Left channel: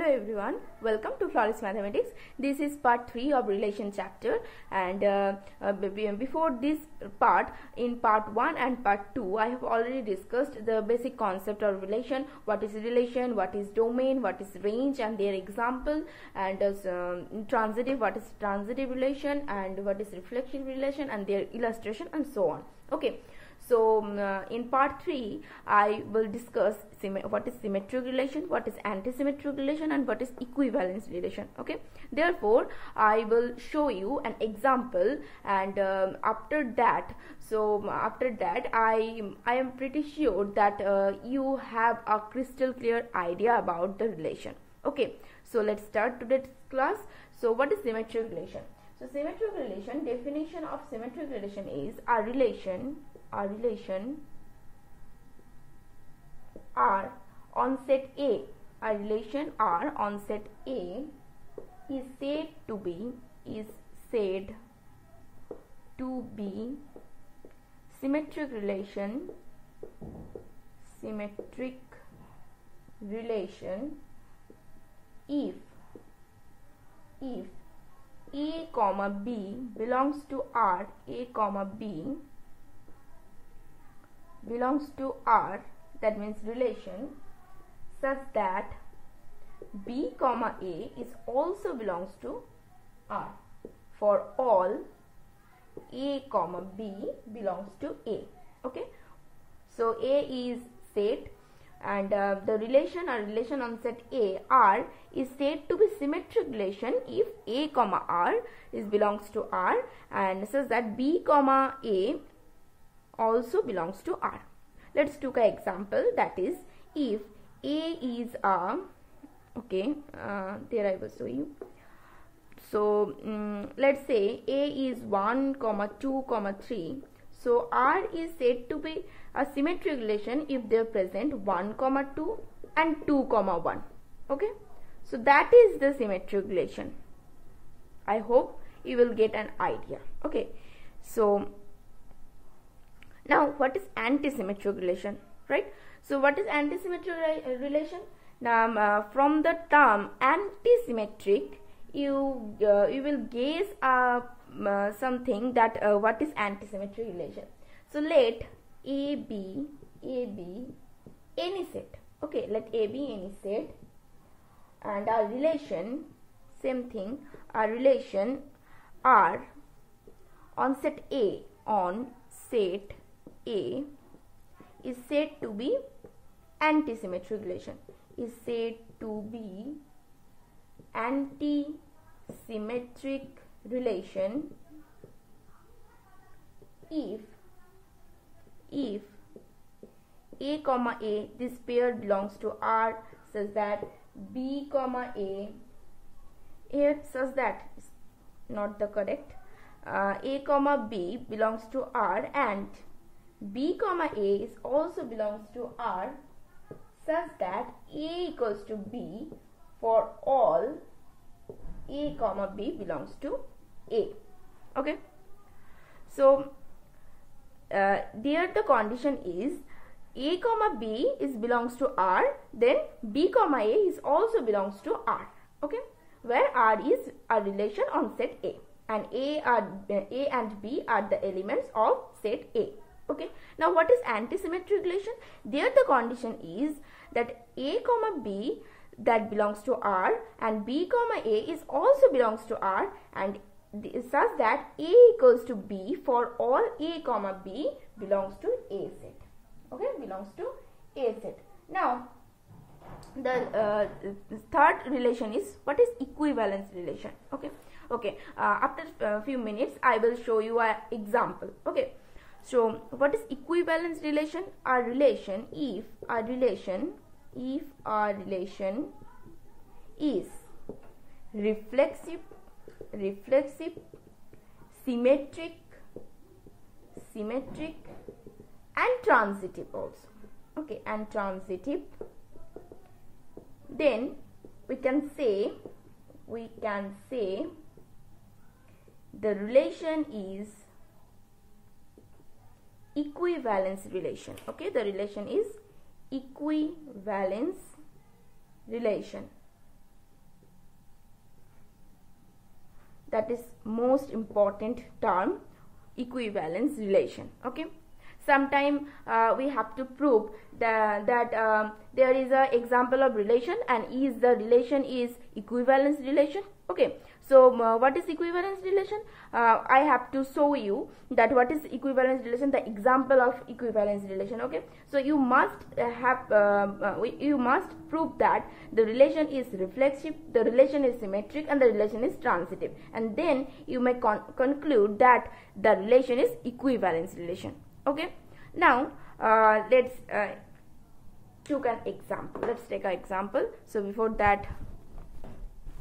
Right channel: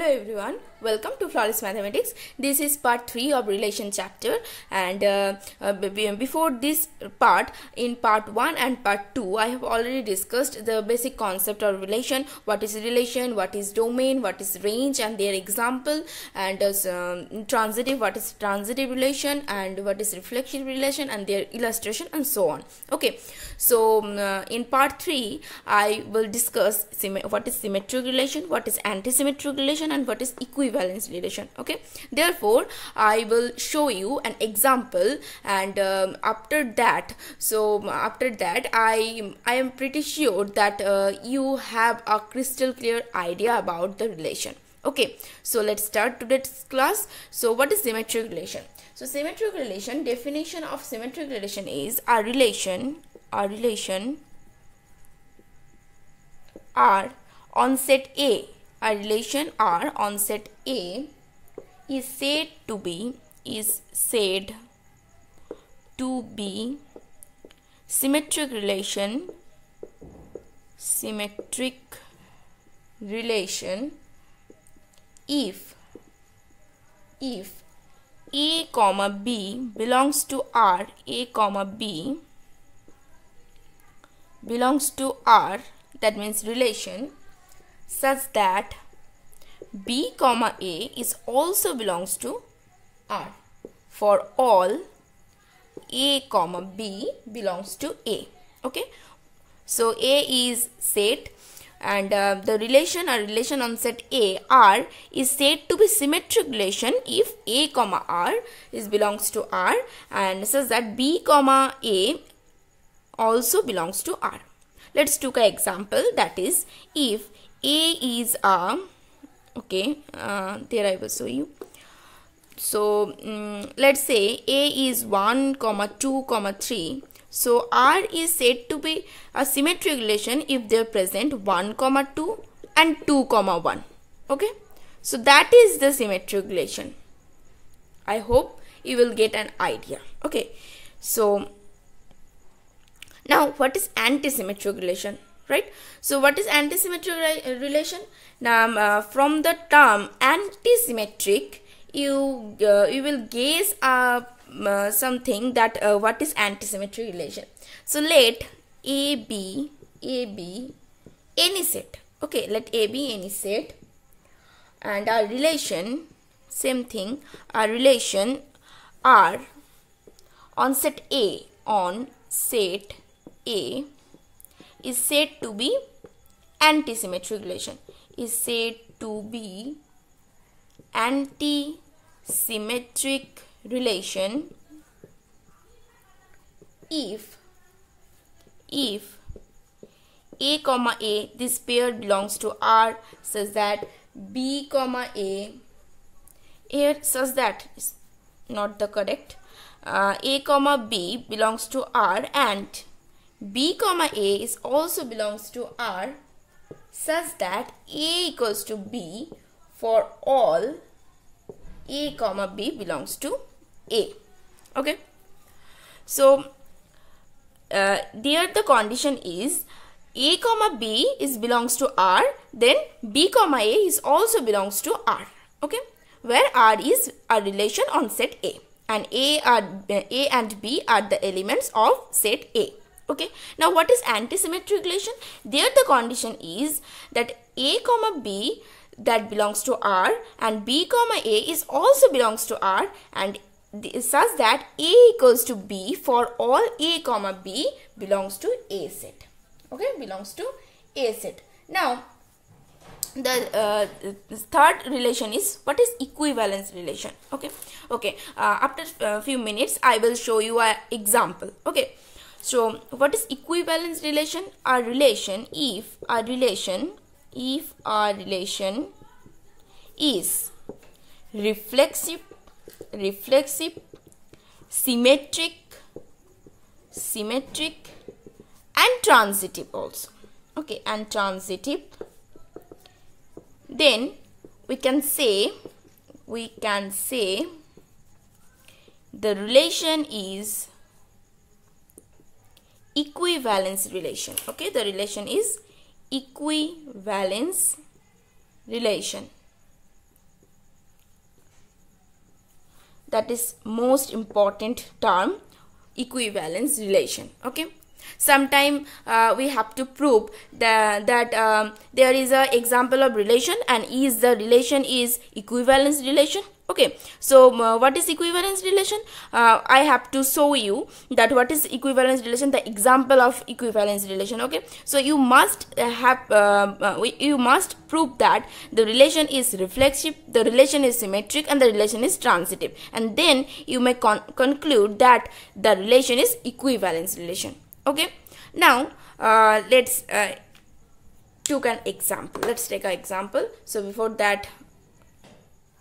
Hello everyone, welcome to Flawless Mathematics. This is part 3 of relation chapter, and before this part, in part 1 and part 2, I have already discussed the basic concept of relation, what is relation, what is domain, what is range and their example, and transitive, what is transitive relation and what is reflexive relation and their illustration and so on. Okay, so in part 3, I will discuss what is symmetric relation, what is anti-symmetric relation and what is equivalence relation. Okay, therefore I will show you an example, and after that I am pretty sure that you have a crystal clear idea about the relation. Okay, so let's start today's class. So what is symmetric relation? So symmetric relation, definition of symmetric relation is a relation R on set A. A relation R on set A is said to be symmetric relation if A comma B belongs to R, that means relation, such that B comma A is also belongs to R for all A comma B belongs to A. Okay, so A is set, and the relation on set A, R, is said to be symmetric relation if A comma R is belongs to R, and such that B comma A also belongs to R. Let's take an example, that is, if A is a, there I will show you. So let's say A is 1, 2, 3. So R is said to be a symmetric relation if they are present 1, 2 and 2, 1. Okay, so that is the symmetric relation. I hope you will get an idea. Okay, so now what is anti-symmetric relation, right? So what is anti-symmetric relation? Now from the term anti-symmetric, you will guess something that what is anti-symmetric relation. So let A be any set. Okay, let A be any set, and our relation, same thing, our relation R on set A is said to be anti-symmetric relation, anti-symmetric relation if A comma A, this pair belongs to R, such that B comma A, here such that is not the correct, A comma B belongs to R and B comma A is also belongs to R, such that A equals to B for all A comma B belongs to A. Okay, so there the condition is A comma B is belongs to R, then B comma A is also belongs to R. Okay, where R is a relation on set A, and A and B are the elements of set A. Okay, now what is anti-symmetric relation? There the condition is that A comma B that belongs to R and B comma A is also belongs to R, and such that A equals to B for all A comma B belongs to A set. Okay, belongs to A set. Now the third relation is what is equivalence relation. Okay, after a few minutes I will show you an example. Okay, so what is equivalence relation? A relation if a relation is reflexive, symmetric and transitive also. Okay, and transitive, then we can say the relation is equivalence relation. Okay, the relation is equivalence relation. that is most important term, equivalence relation. Okay, sometime we have to prove that there is a example of relation and is the relation is equivalence relation. Okay, so what is equivalence relation? I have to show you that what is equivalence relation, the example of equivalence relation. Okay, so you must you must prove that the relation is reflexive, the relation is symmetric, and the relation is transitive, and then you may conclude that the relation is equivalence relation. Okay, now let's take an example. Let's take an example. So before that,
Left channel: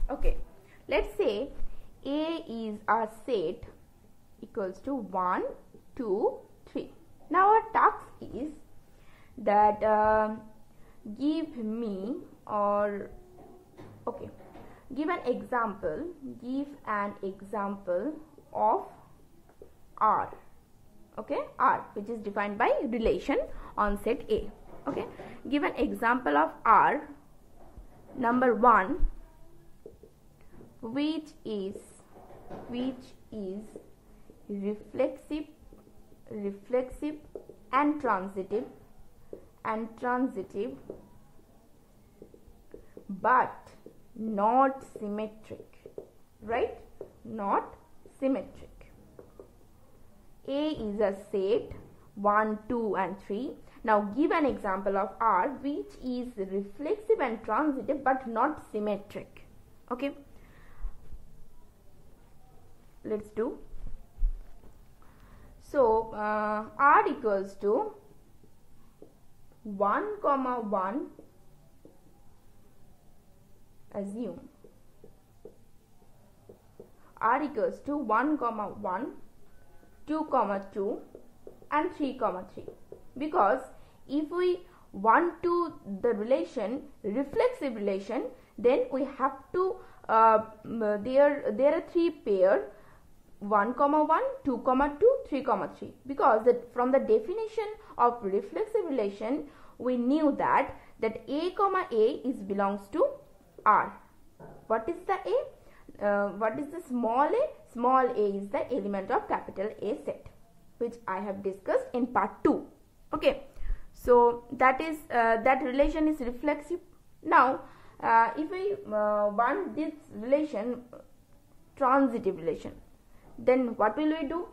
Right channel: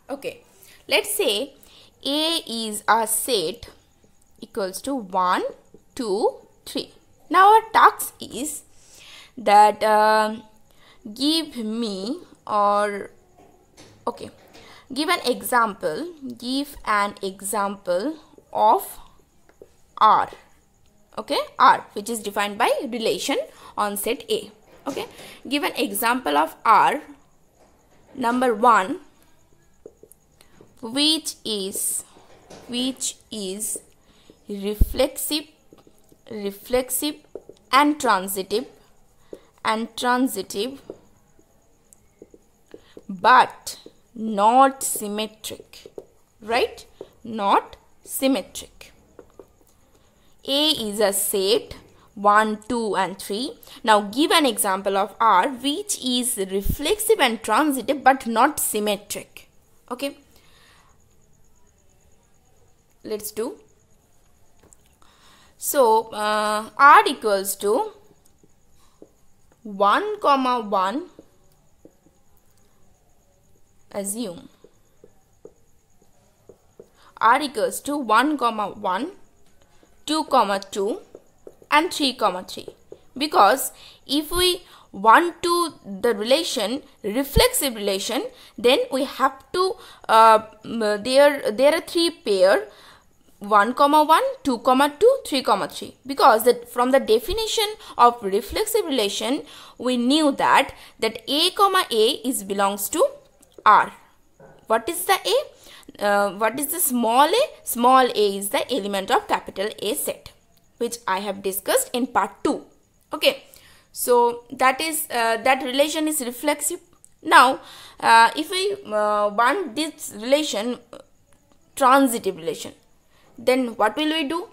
okay, let's say A is a set equals to 1, 2, 3. Now our task is that give me or okay, give an example of R. Okay, R, which is defined by relation on set A. Okay, give an example of R number 1, which is reflexive and transitive but not symmetric, right? Not symmetric. A is a set 1, 2 and 3. Now give an example of R which is reflexive and transitive but not symmetric. Okay, let's do. So R equals to 1, 1, assume R equals to 1, 1, 2, 2 and 3, 3, because if we want to the relation reflexive relation, then we have to there are 3 pair 1, 1, 2, 2, 3, 3, because from the definition of reflexive relation we knew that A, A is belongs to R. What is the A? What is the small a? Small a is the element of capital A set, which I have discussed in part 2. Okay, so that is that relation is reflexive. Now if we want this relation transitive relation, then what will we do?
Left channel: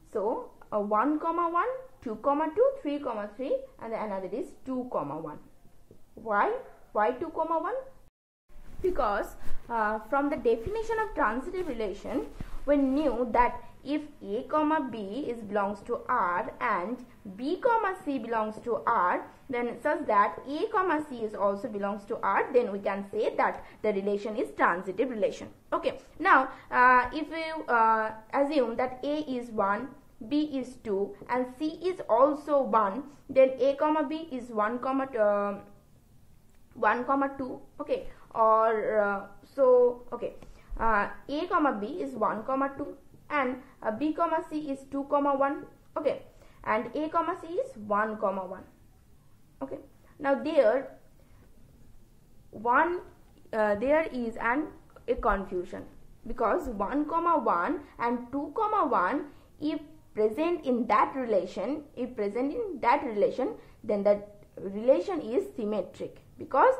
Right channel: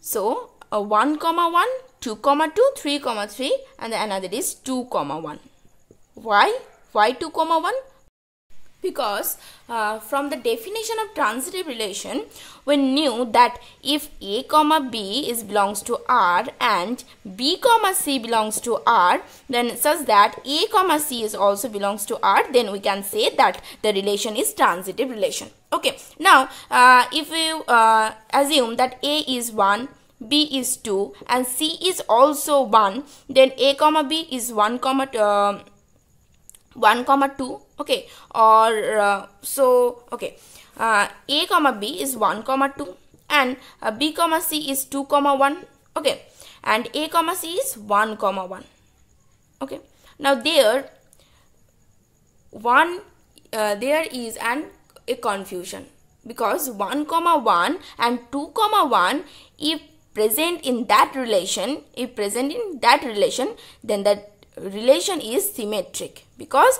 So 1, 1, 2, 2, 3, 3, and the another is 2, 1. Why 2, 1? Because from the definition of transitive relation we knew that if A, B is belongs to R and B, C belongs to R, then such that A, C is also belongs to R, then we can say that the relation is transitive relation. Okay, now if we assume that A is 1, B is 2 and C is also 1, then A, B is 1, 2, okay, or so okay, A, B is 1, 2 and B, C is 2, 1, okay, and A, C is 1, 1, okay. Now there is a confusion, because 1, 1 and 2, 1 if present in that relation, then that relation is symmetric, because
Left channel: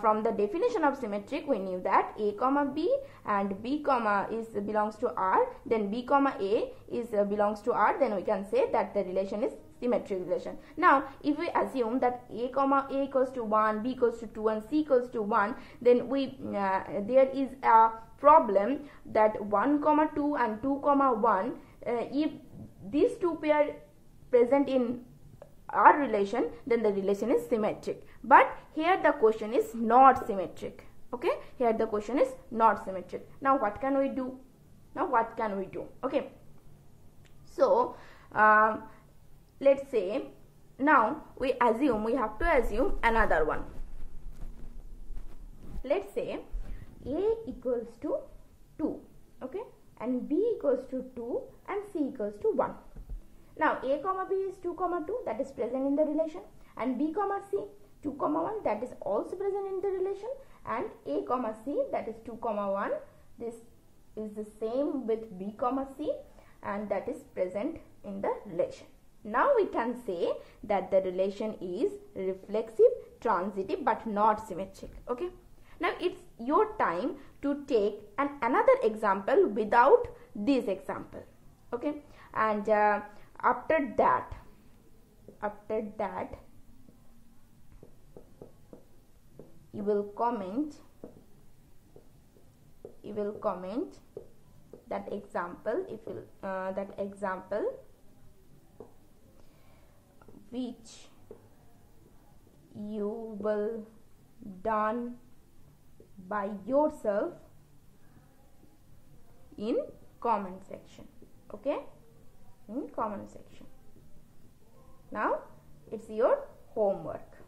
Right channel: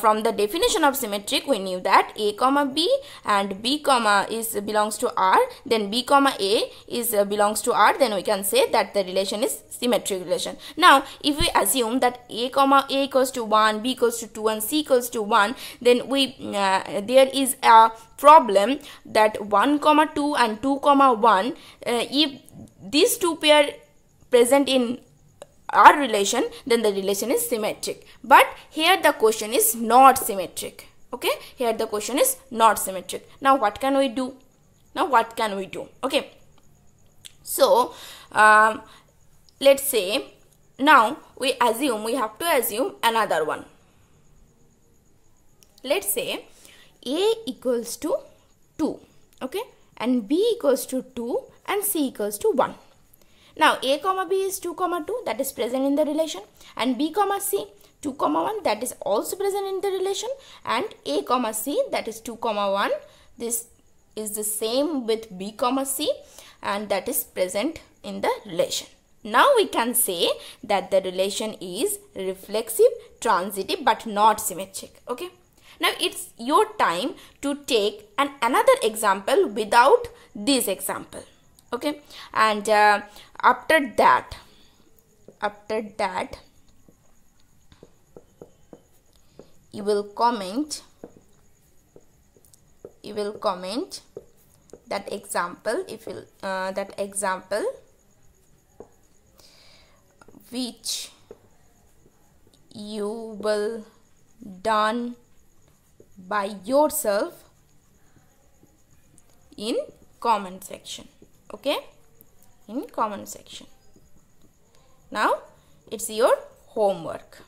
from the definition of symmetric we knew that A, B and B, is belongs to R, then B, A is belongs to R, then we can say that the relation is symmetric relation. Now if we assume that A equals to 1, B equals to 2 and C equals to 1, then we there is a problem that 1, 2 and 2, 1 if these two pair present in our relation, then the relation is symmetric, but here the question is not symmetric. Okay, here the question is not symmetric. Now what can we do? Okay, so let's say now we have to assume another one. Let's say A equals to 2, okay, and B equals to 2 and C equals to 1. Now A, B is 2, 2, that is present in the relation, and B, C 2, 1 that is also present in the relation, and A, C that is 2, 1 this is the same with B comma C, and that is present in the relation. Now we can say that the relation is reflexive, transitive, but not symmetric. Okay. Now it's your time to take another example without this example. Okay. And after that you will comment that example, if you that example which you will done by yourself in comment section. Okay, in comment section. Now it's your homework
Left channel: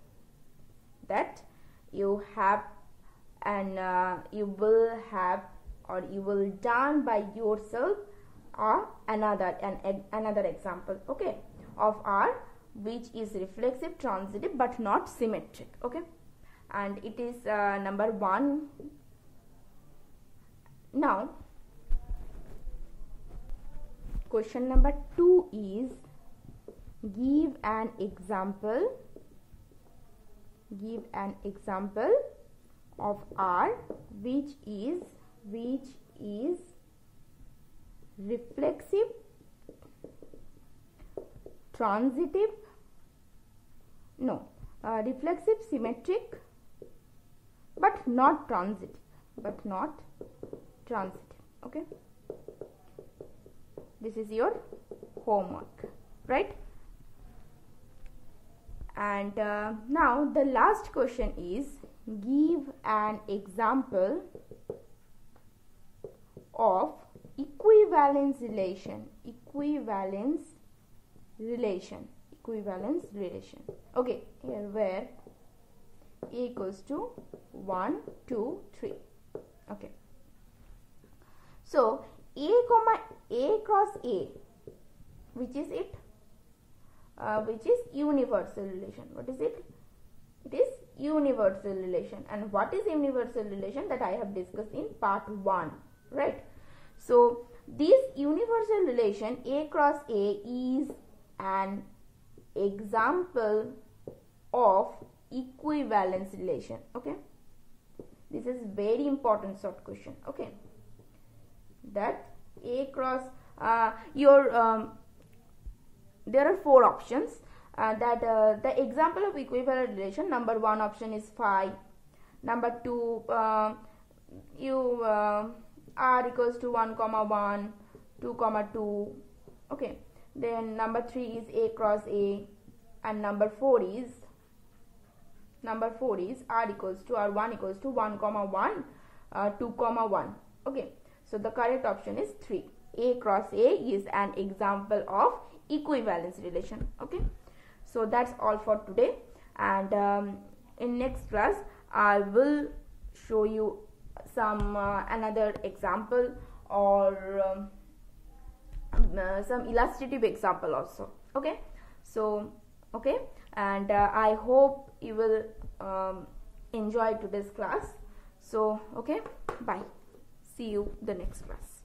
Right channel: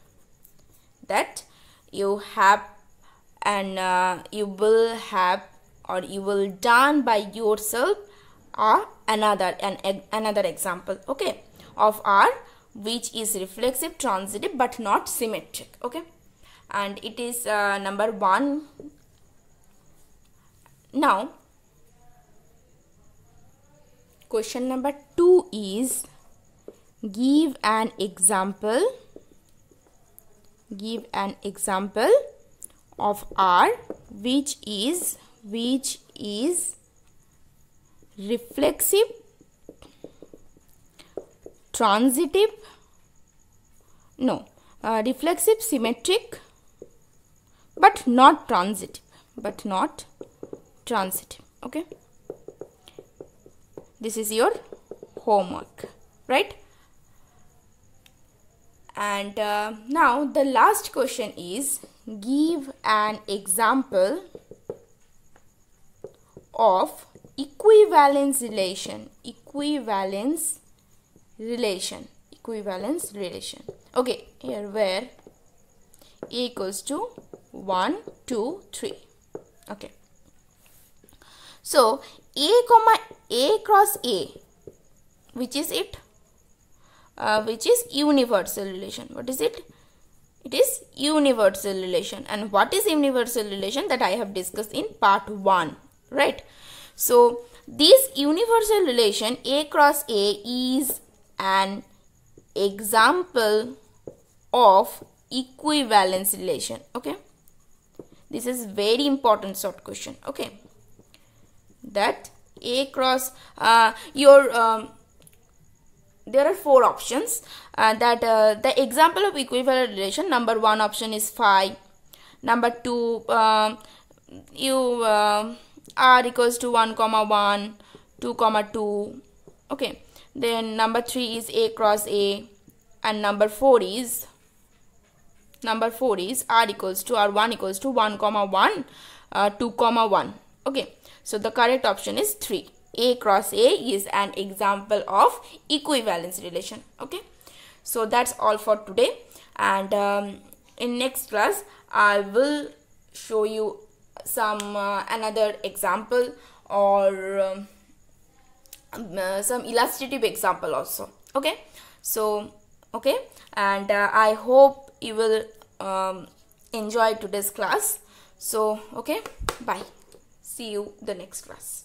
that you have, and you will have, or you will done by yourself another example, okay, of R which is reflexive, transitive, but not symmetric. Okay, and it is number 1. Now question number 2 is give an example of R which is reflexive, transitive, reflexive, symmetric, but not transitive. Okay, this is your homework, right? And now the last question is give an example of equivalence relation. Okay, here where A equals to 1, 2, 3. Okay, so A cross A, which is it? Which is universal relation. What is it? It is universal relation. And what is universal relation? That I have discussed in part 1, right? So this universal relation A cross A is an example of equivalence relation. Okay, this is very important short question. Okay, that A cross there are 4 options, that the example of equivalent relation. Number 1 option is 5. Number 2, you R equals to 1, 1, 2, 2. Okay, then number 3 is A cross A, and number 4 is R equals to R1 equals to 1, 1, 2, 1. Okay, so the correct option is 3. A cross A is an example of equivalence relation. Okay, so that's all for today, and in next class I will show you some another example, or some illustrative example also. Okay, so okay, and I hope you will enjoy today's class. So okay, bye, see you the next class.